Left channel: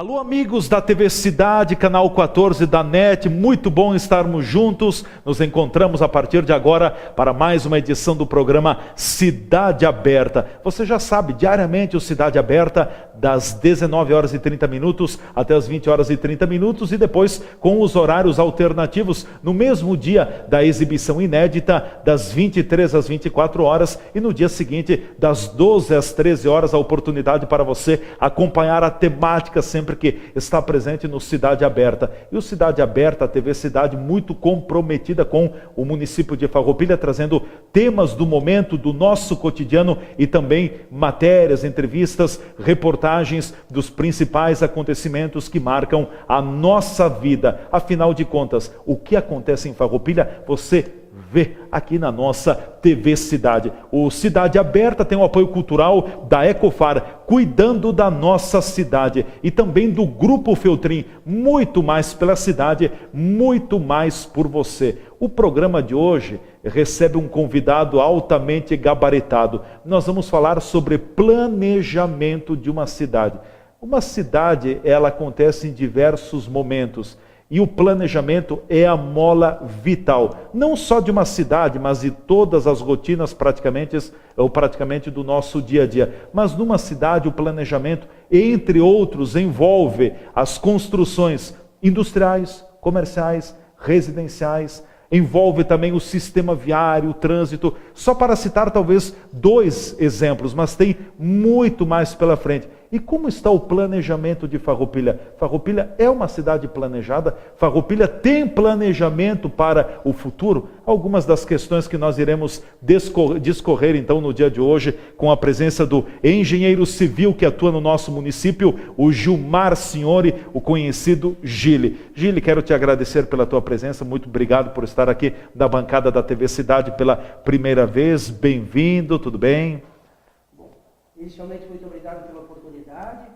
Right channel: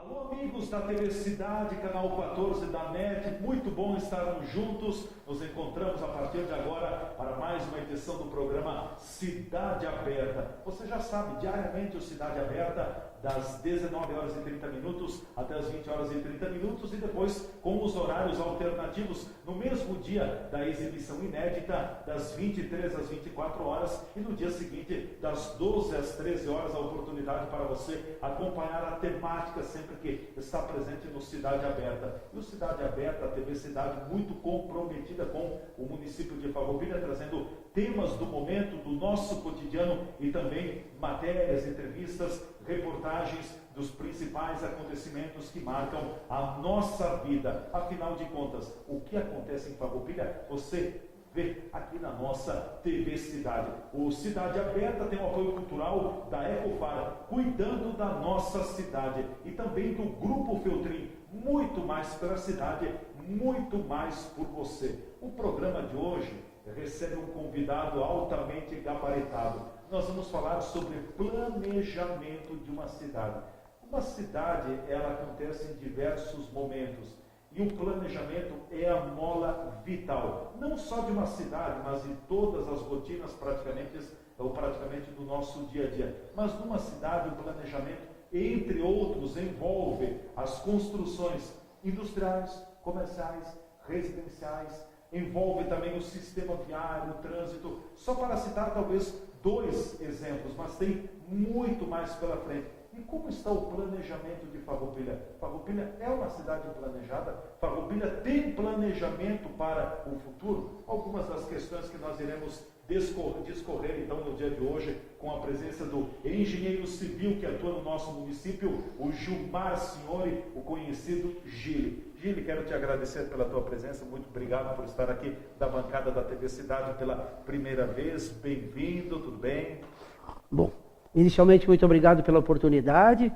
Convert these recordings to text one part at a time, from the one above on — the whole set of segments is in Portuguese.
Alô amigos da TV Cidade, canal 14 da NET, muito bom estarmos juntos. Nos encontramos a partir de agora para mais uma edição do programa Cidade Aberta. Você já sabe, diariamente o Cidade Aberta, das 19 horas e 30 minutos até as 20 horas e 30 minutos e depois com os horários alternativos no mesmo dia da exibição inédita, das 23 às 24 horas e no dia seguinte, das 12 às 13 horas, a oportunidade para você acompanhar a temática sempre que está presente no Cidade Aberta. E o Cidade Aberta, a TV Cidade, muito comprometida com o município de Farroupilha, trazendo temas do momento, do nosso cotidiano e também matérias, entrevistas, reportagens dos principais acontecimentos que marcam a nossa vida. Afinal de contas, o que acontece em Farroupilha, você vê aqui na nossa TV Cidade. O Cidade Aberta tem o apoio cultural da Ecofar, cuidando da nossa cidade, e também do Grupo Feltrin, muito mais pela cidade, muito mais por você. O programa de hoje recebe um convidado altamente gabaritado. Nós vamos falar sobre planejamento de uma cidade. Uma cidade, ela acontece em diversos momentos. E o planejamento é a mola vital, não só de uma cidade, mas de todas as rotinas praticamente do nosso dia a dia. Mas numa cidade o planejamento, entre outros, envolve as construções industriais, comerciais, residenciais, envolve também o sistema viário, o trânsito, só para citar talvez 2 exemplos, mas tem muito mais pela frente. E como está o planejamento de Farroupilha? Farroupilha é uma cidade planejada? Farroupilha tem planejamento para o futuro? Algumas das questões que nós iremos discorrer então no dia de hoje, com a presença do engenheiro civil que atua no nosso município, o Gilmar Signori, o conhecido Gili. Gili, quero te agradecer pela tua presença, muito obrigado por estar aqui da bancada da TV Cidade pela primeira vez. Bem-vindo, tudo bem? Bom, inicialmente, muito obrigado pela oportunidade.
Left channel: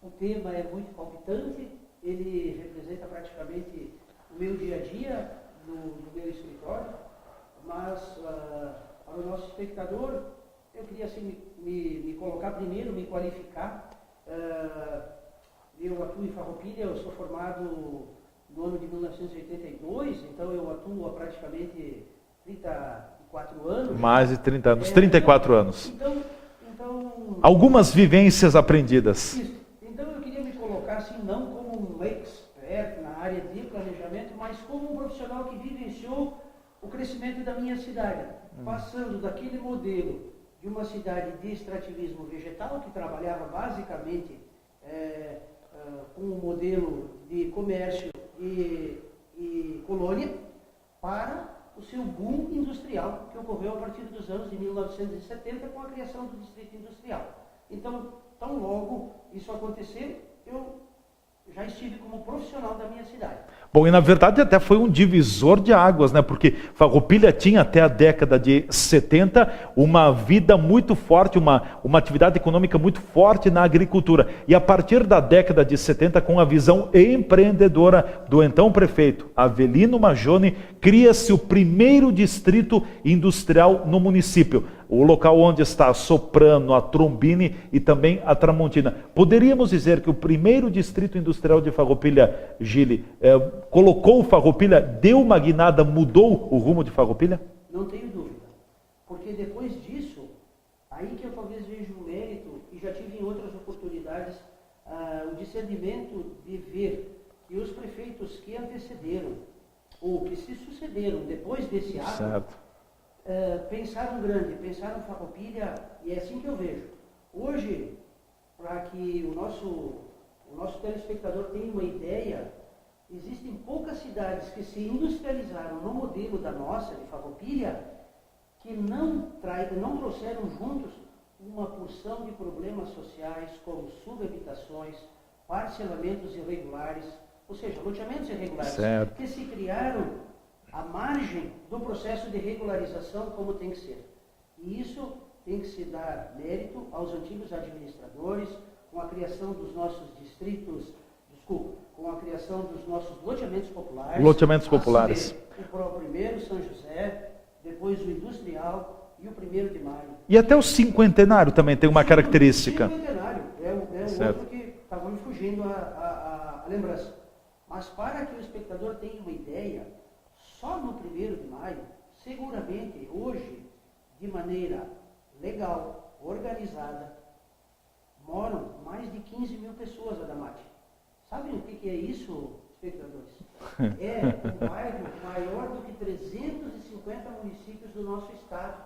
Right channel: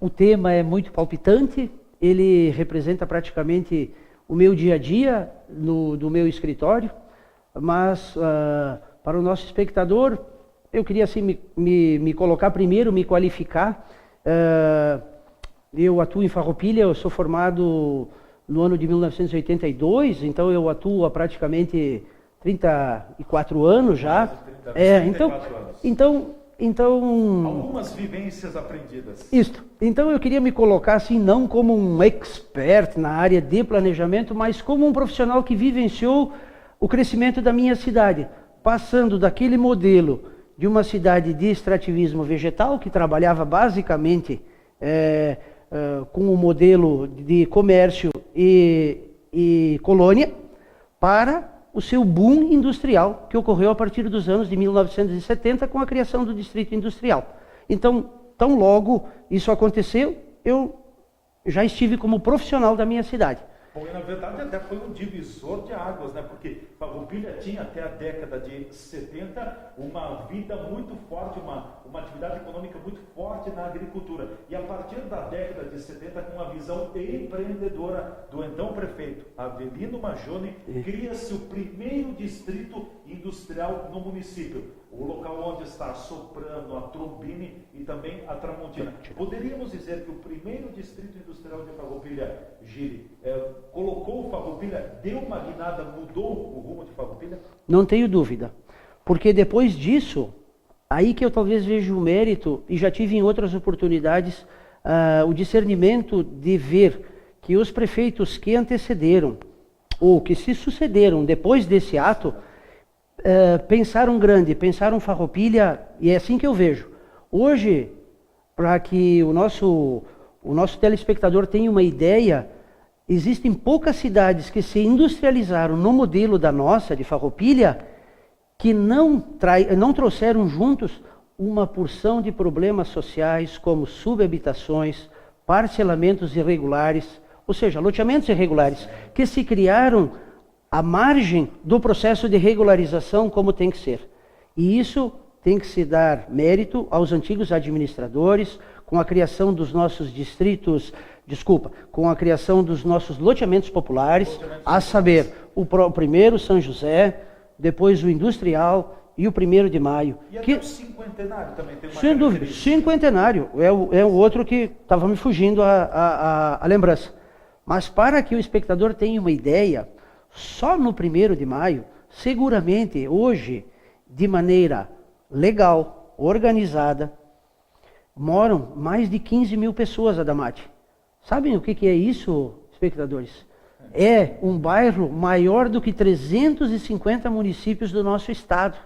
O tema é muito palpitante, ele representa praticamente o meu dia a dia do meu escritório, mas para o nosso espectador, eu queria assim, me colocar primeiro, me qualificar. Eu atuo em Farroupilha, eu sou formado no ano de 1982, então eu atuo há praticamente 34 anos já. Mais de 30 anos, 34 anos. Então... Algumas vivências aprendidas. Isso. Então eu queria me colocar assim, não como um expert na área de planejamento, mas como um profissional que vivenciou o crescimento da minha cidade, passando daquele modelo de uma cidade de extrativismo vegetal, que trabalhava basicamente com o modelo de comércio e colônia, para o seu boom industrial, que ocorreu a partir dos anos de 1970, com a criação do Distrito Industrial. Então, tão logo isso aconteceu, eu já estive como profissional da minha cidade. Bom, e na verdade até foi um divisor de águas, né? Porque Farroupilha tinha até a década de 70 uma vida muito forte, uma atividade econômica muito forte na agricultura. E a partir da década de 70, com a visão empreendedora do então prefeito Avelino Majone, cria-se o primeiro distrito industrial no município. O local onde está a Soprano, a Trombini e também a Tramontina. Poderíamos dizer que o primeiro distrito industrial de Farroupilha, Gili, colocou Farroupilha, deu uma guinada, mudou o rumo de Farroupilha? Não tenho dúvida. Porque depois disso, aí que eu talvez veja o mérito, e já tive em outras oportunidades, o discernimento de ver que os prefeitos que antecederam, ou que se sucederam depois desse ato, certo, pensaram grande, pensaram Farroupilha, e é assim que eu vejo. Hoje, para que o nosso telespectador tenha uma ideia, existem poucas cidades que se industrializaram no modelo da nossa, de Farroupilha, que não trouxeram juntos uma porção de problemas sociais, como subhabitações, parcelamentos irregulares, ou seja, loteamentos irregulares, certo, que se criaram à margem do processo de regularização como tem que ser. E isso tem que se dar mérito aos antigos administradores, com a criação dos nossos distritos, com a criação dos nossos loteamentos populares, a saber, o primeiro São José, depois o industrial e o 1º de maio. E até o cinquentenário também tem uma Sem dúvida, característica. Cinquentenário é o outro que estava me fugindo a lembrança. Mas para que o espectador tenha uma ideia, só no 1º de maio, seguramente hoje, de maneira legal, organizada, moram mais de 15 mil pessoas, Adamati. Sabem o que é isso, espectadores? É um bairro maior do que 350 municípios do nosso estado.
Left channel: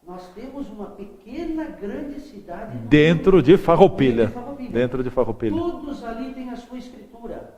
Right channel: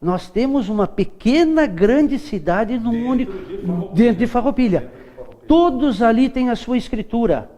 Nós temos uma pequena, grande cidade no dentro de Farroupilha. Dentro de Farroupilha. Dentro de Farroupilha. Todos ali têm a sua escritura.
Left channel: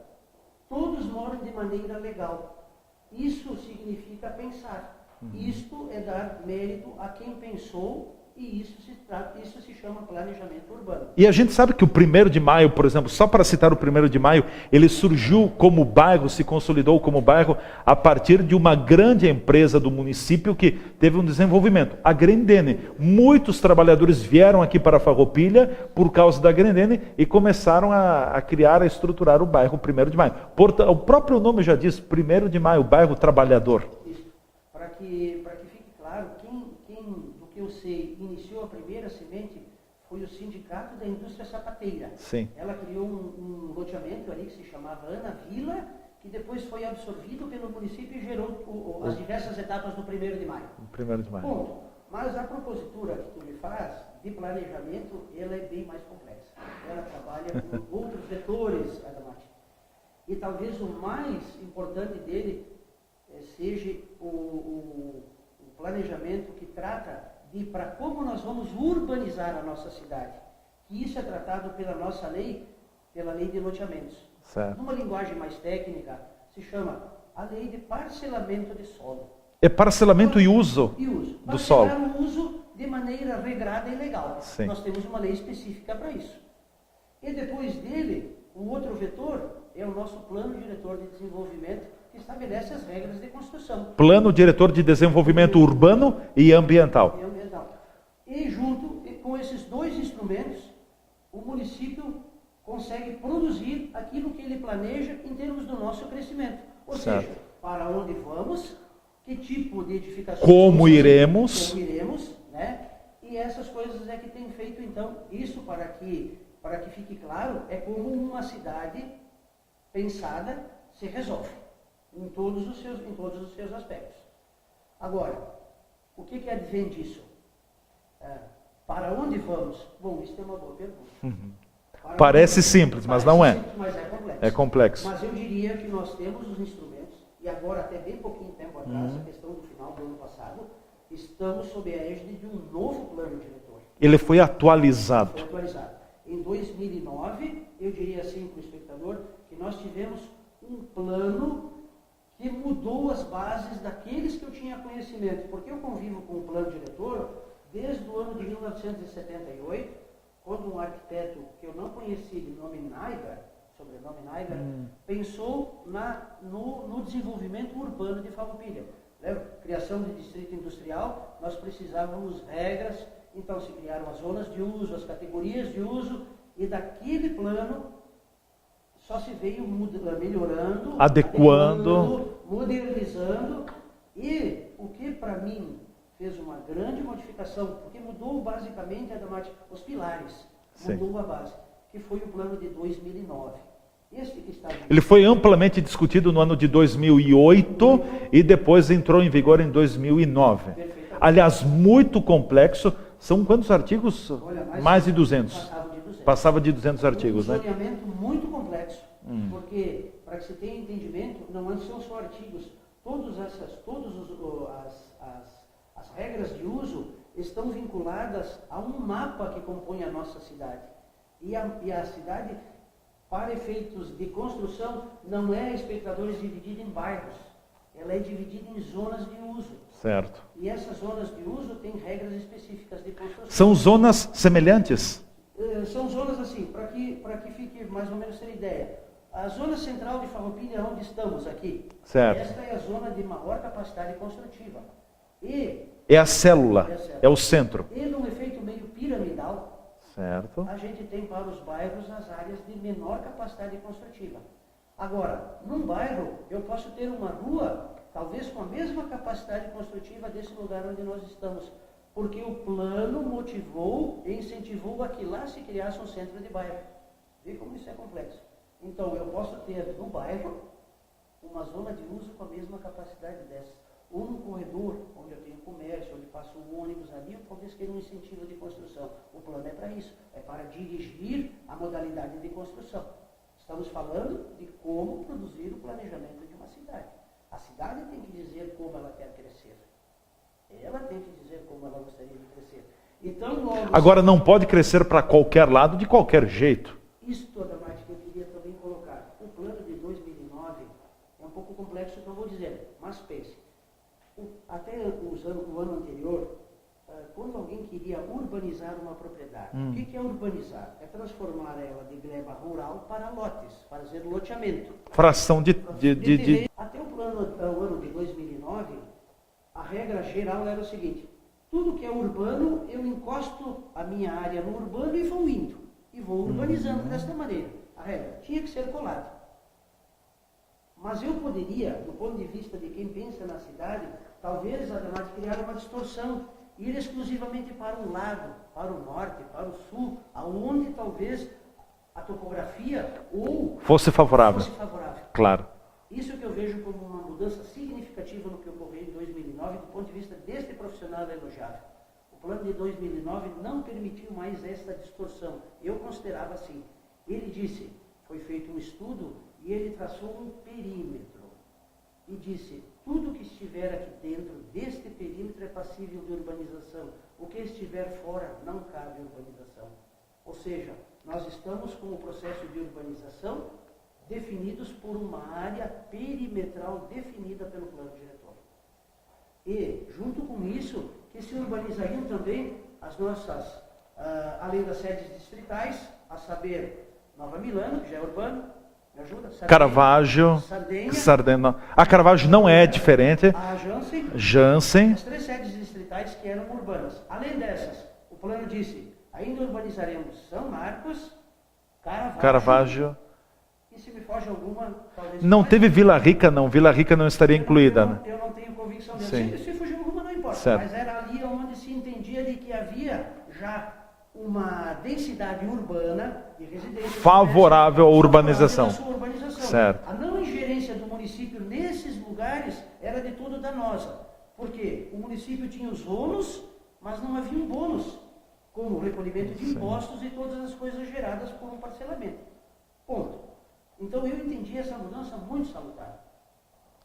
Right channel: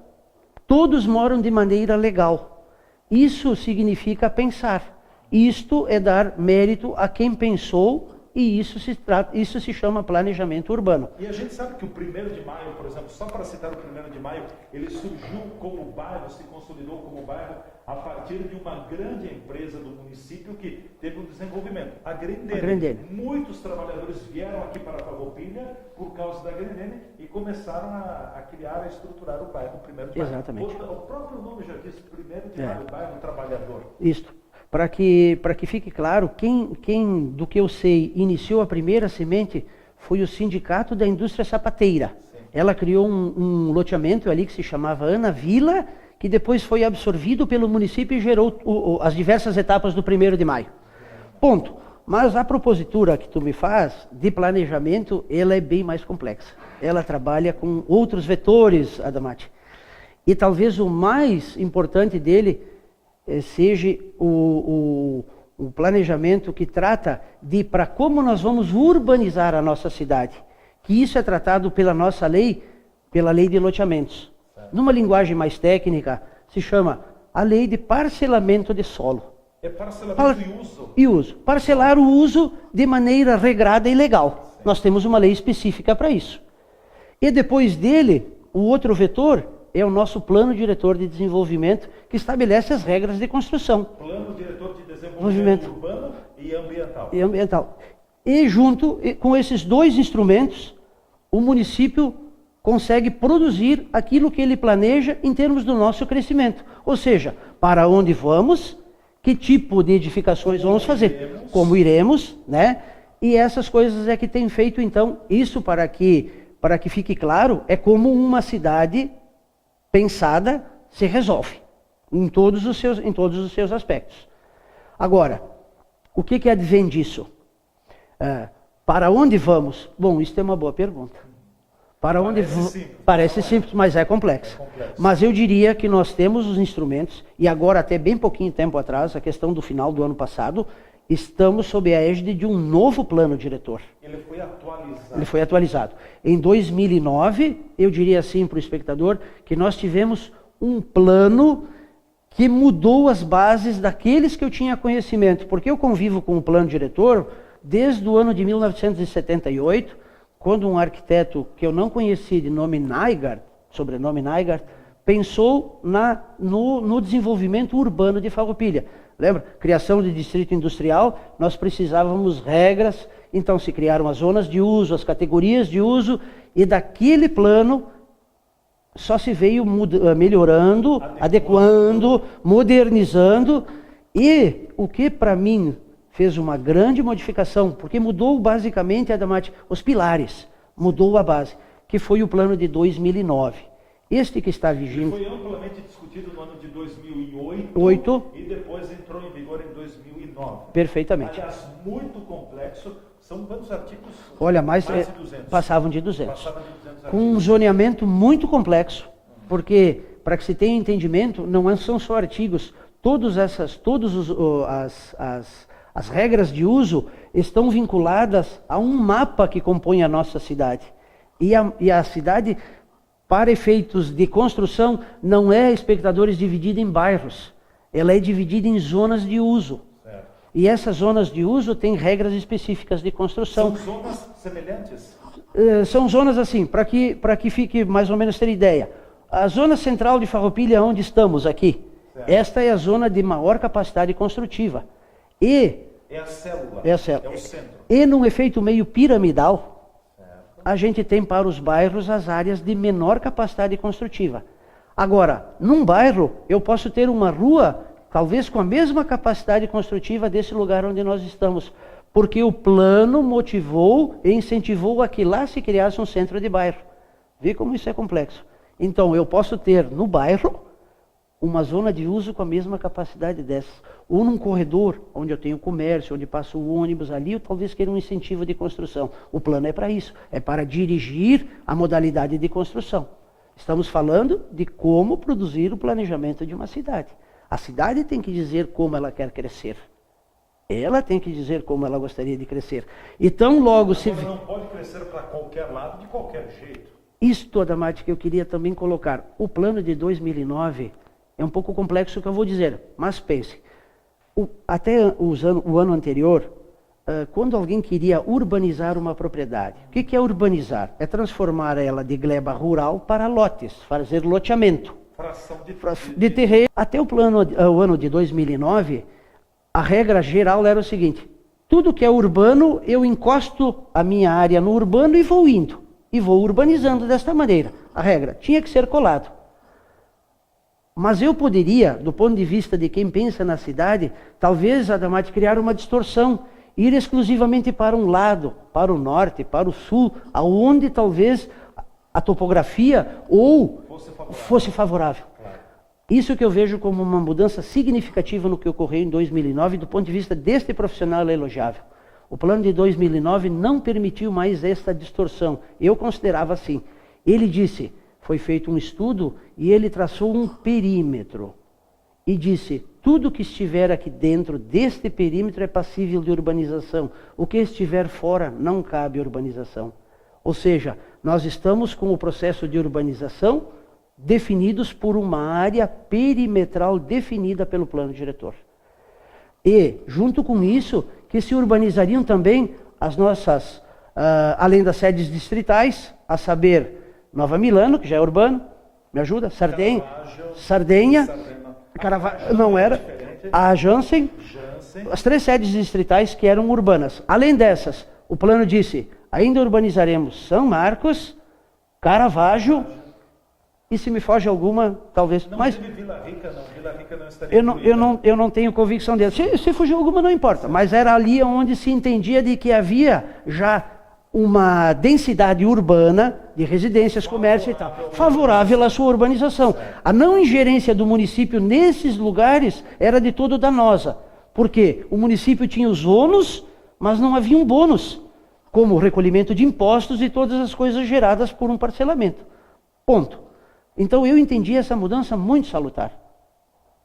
Todos moram de maneira legal. Isso significa pensar. Isto é dar mérito a quem pensou, e isso se chama planejamento urbano. E a gente sabe que o 1º de maio, por exemplo, só para citar o 1º de maio, ele surgiu como bairro, se consolidou como bairro a partir de uma grande empresa do município que teve um desenvolvimento, a Grendene. Muitos trabalhadores vieram aqui para Farroupilha por causa da Grendene e começaram a criar, a estruturar o bairro 1º de maio. O próprio nome já diz, 1º de maio, bairro trabalhador. Isso. Para que fique claro, quem, do que eu sei, iniciou a primeira semente foi o Sindicato da Indústria Sapateira. Sim. Ela criou um loteamento ali que se chamava Ana Vila, que depois foi absorvido pelo município e gerou as diversas etapas do 1º de maio. Ponto. Mas a propositura que tu me faz de planejamento, ela é bem mais complexa. Ela trabalha com outros vetores, Adamati. E talvez o mais importante dele seja o planejamento que trata de para como nós vamos urbanizar a nossa cidade. Que isso é tratado pela nossa lei, pela lei de loteamentos. Certo. Numa linguagem mais técnica, se chama a lei de parcelamento de solo. É parcelamento e uso? E uso. Parcelar o uso de maneira regrada e legal. Sim. Nós temos uma lei específica para isso. E depois dele, o outro vetor é o nosso plano diretor de desenvolvimento, que estabelece as regras de construção. Plano diretor de desenvolvimento urbano e ambiental. E junto com esses dois instrumentos, o município consegue produzir aquilo que ele planeja em termos do nosso crescimento. Ou seja, para onde vamos, que tipo de edificações vamos fazer, como iremos, né? E essas coisas é que tem feito, então, isso para que fique claro, é como uma cidade pensada se resolve em todos os seus aspectos. Agora, o que advém disso? Para onde vamos? Bom, isso é uma boa pergunta. Parece simples, mas não é. Parece simples, mas é complexo. É complexo. Mas eu diria que nós temos os instrumentos, e agora até bem pouquinho tempo atrás, a questão do final do ano passado, estamos sob a égide de um novo plano diretor. Ele foi atualizado. Ele foi atualizado. Em 2009, eu diria assim para o espectador, que nós tivemos um plano que mudou as bases daqueles que eu tinha conhecimento. Porque eu convivo com o plano diretor desde o ano de 1978, quando um arquiteto que eu não conheci, de nome Naigar, sobrenome Naigar, pensou no desenvolvimento urbano de Farroupilha. Lembra? Criação de distrito industrial, nós precisávamos regras, então se criaram as zonas de uso, as categorias de uso, e daquele plano só se veio melhorando, adequando, modernizando, e o que para mim fez uma grande modificação, porque mudou basicamente, Adamati, os pilares, mudou a base, que foi o plano de 2009. Este que está vigente... Ele foi amplamente discutido no ano de 2008 e depois entrou em vigor em 2009. Perfeitamente. Aliás, muito complexo. São quantos artigos? Olha, mais de 200. Passavam de 200. Passava de 200 artigos. Um zoneamento muito complexo, porque, para que se tenha entendimento, não são só artigos. As regras de uso estão vinculadas a um mapa que compõe a nossa cidade. E a cidade, para efeitos de construção, não é, espectadores, dividida em bairros. Ela é dividida em zonas de uso. Certo. E essas zonas de uso têm regras específicas de construção. São zonas semelhantes? São zonas assim, para que fique mais ou menos ter ideia. A zona central de Farroupilha, onde estamos aqui, certo. Esta é a zona de maior capacidade construtiva. É a célula, é o centro. E num efeito meio piramidal, certo. A gente tem para os bairros as áreas de menor capacidade construtiva. Agora, num bairro, eu posso ter uma rua, talvez com a mesma capacidade construtiva desse lugar onde nós estamos. Porque o plano motivou e incentivou a que lá se criasse um centro de bairro. Vê como isso é complexo. Então, eu posso ter no bairro uma zona de uso com a mesma capacidade dessa. Ou num corredor, onde eu tenho comércio, onde passa o ônibus ali, eu talvez queira um incentivo de construção. O plano é para isso, é para dirigir a modalidade de construção. Estamos falando de como produzir o planejamento de uma cidade. A cidade tem que dizer como ela quer crescer. Ela tem que dizer como ela gostaria de crescer. Então, logo... Agora, não pode crescer para qualquer lado, de qualquer jeito. Isto, Adamati, que eu queria também colocar. O plano de 2009 é um pouco complexo o que eu vou dizer, mas pense. Até o ano anterior, quando alguém queria urbanizar uma propriedade, o que é urbanizar? É transformar ela de gleba rural para lotes, fazer loteamento. Fração de terreno. Até o ano de 2009, a regra geral era o seguinte: tudo que é urbano, eu encosto a minha área no urbano e vou indo. E vou urbanizando desta maneira. A regra tinha que ser colado. Mas eu poderia, do ponto de vista de quem pensa na cidade, talvez, Adamati, criar uma distorção. Ir exclusivamente para um lado, para o norte, para o sul, aonde talvez a topografia ou fosse favorável. Claro. Isso que eu vejo como uma mudança significativa no que ocorreu em 2009, do ponto de vista deste profissional é elogiável. O plano de 2009 não permitiu mais esta distorção. Eu considerava assim. Ele disse, foi feito um estudo e ele traçou um perímetro. E disse, tudo que estiver aqui dentro deste perímetro é passível de urbanização. O que estiver fora não cabe urbanização. Ou seja, nós estamos com o processo de urbanização definidos por uma área perimetral definida pelo plano diretor. E, junto com isso, que se urbanizariam também as nossas, além das sedes distritais, a saber, Nova Milano, que já é urbano, me ajuda? Caravaggio. Sardenha. A Caravaggio não é diferente. A Jansen. As 3 sedes distritais que eram urbanas. Além dessas, o plano disse, ainda urbanizaremos São Marcos, Caravaggio. E se me foge alguma, talvez... Não teve Vila Rica, não. Vila Rica não estaria incluída. Eu não tenho convicção dele. Se fugiu alguma, não importa. Certo. Mas era ali onde se entendia de que havia já uma densidade urbana de residências, favorável à sua urbanização. Certo. A não ingerência do município nesses lugares era de todo danosa. Porque o município tinha os ônus, mas não havia um bônus, como o recolhimento de impostos e todas as coisas geradas por um parcelamento. Ponto. Então eu entendi essa mudança muito salutar.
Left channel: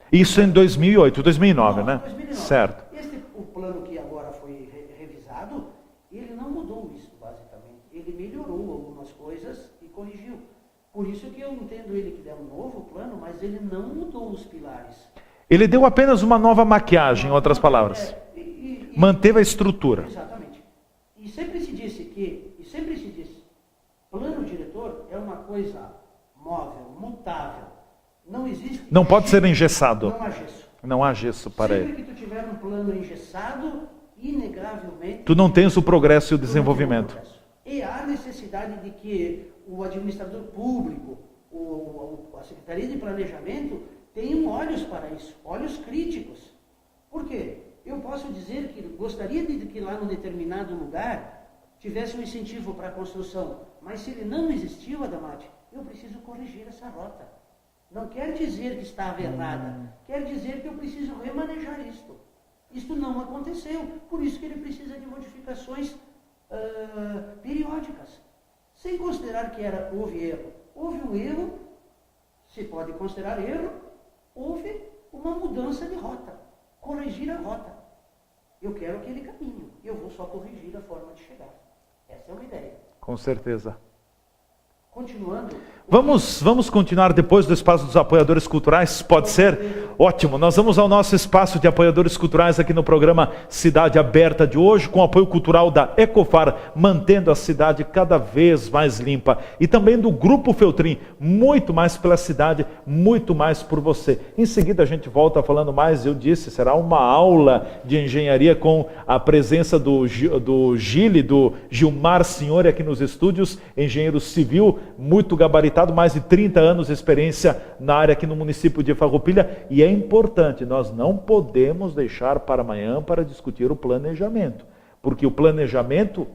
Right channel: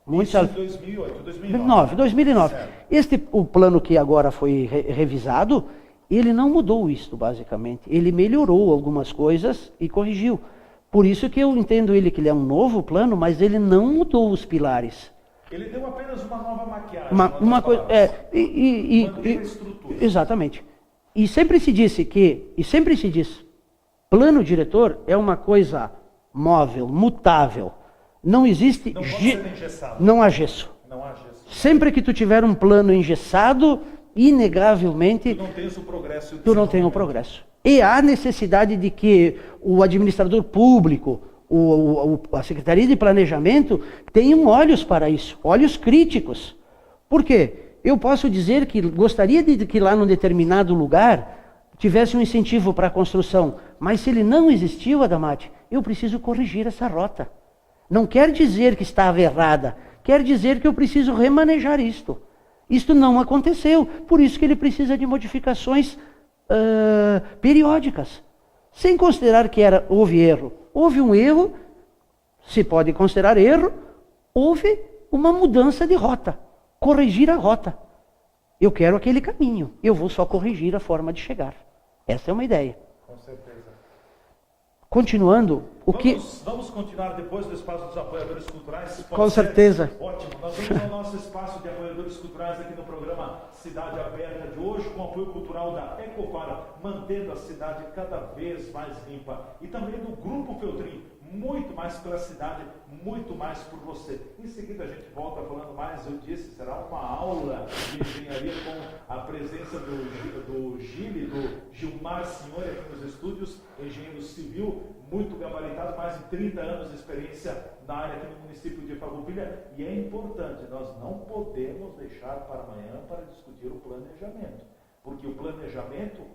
Isso em 2008, 2009, né? 2009. Certo. O plano que agora foi revisado, ele não mudou isto, basicamente. Ele melhorou algumas coisas e corrigiu. Por isso que eu entendo que ele é um novo plano, mas ele não mudou os pilares. Ele deu apenas uma nova maquiagem, em outras palavras. Manteve a estrutura. Exatamente. E sempre se diz, plano diretor é uma coisa móvel, mutável. Não existe... Não pode ser engessado. Não há gesso. Não há gesso. Sempre que tu tiver um plano engessado, inegavelmente... Tu não tens o progresso e o desenvolvimento. Tu não tem o progresso. E há necessidade de que o administrador público, a Secretaria de Planejamento, tenham olhos para isso, olhos críticos. Por quê? Eu posso dizer que gostaria de que lá num determinado lugar tivesse um incentivo para a construção, mas se ele não existiu, Adamati, eu preciso corrigir essa rota. Não quer dizer que estava errada, quer dizer que eu preciso remanejar isto. Isto não aconteceu, por isso que ele precisa de modificações periódicas. Sem considerar que houve erro. Houve um erro, se pode considerar erro, houve uma mudança de rota. Corrigir a rota. Eu quero aquele caminho, eu vou só corrigir a forma de chegar. Essa é uma ideia. Com certeza. Continuando... Vamos continuar depois do espaço dos apoiadores culturais? Pode ser? Com certeza. Ótimo. Nós vamos ao nosso espaço de apoiadores culturais aqui no programa Cidade Aberta de hoje, com o apoio cultural da Ecofar, mantendo a cidade cada vez mais limpa. E também do Grupo Feltrin, muito mais pela cidade, muito mais por você. Em seguida a gente volta falando mais, eu disse, será uma aula de engenharia com a presença do Gilmar Senhor aqui nos estúdios, engenheiro civil, muito gabaritado, mais de 30 anos de experiência na área aqui no município de Farroupilha, e é importante, nós não podemos deixar para amanhã para discutir o planejamento. porque o planejamento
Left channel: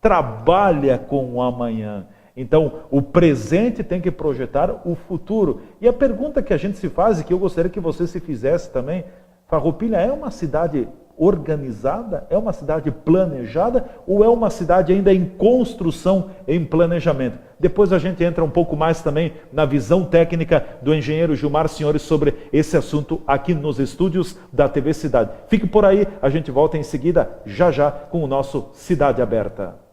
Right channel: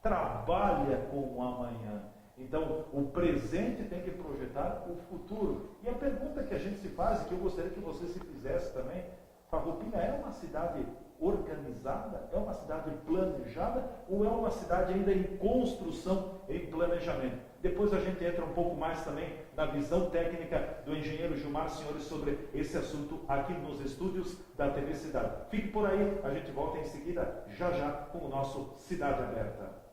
trabalha com o amanhã. Então, o presente tem que projetar o futuro. E a pergunta que a gente se faz, e que eu gostaria que você se fizesse também, Farroupilha é uma cidade organizada? É uma cidade planejada? Ou é uma cidade ainda em construção, em planejamento? Depois a gente entra um pouco mais também na visão técnica do engenheiro Gilmar Senhores sobre esse assunto aqui nos estúdios da TV Cidade. Fique por aí, a gente volta em seguida, já já, com o nosso Cidade Aberta.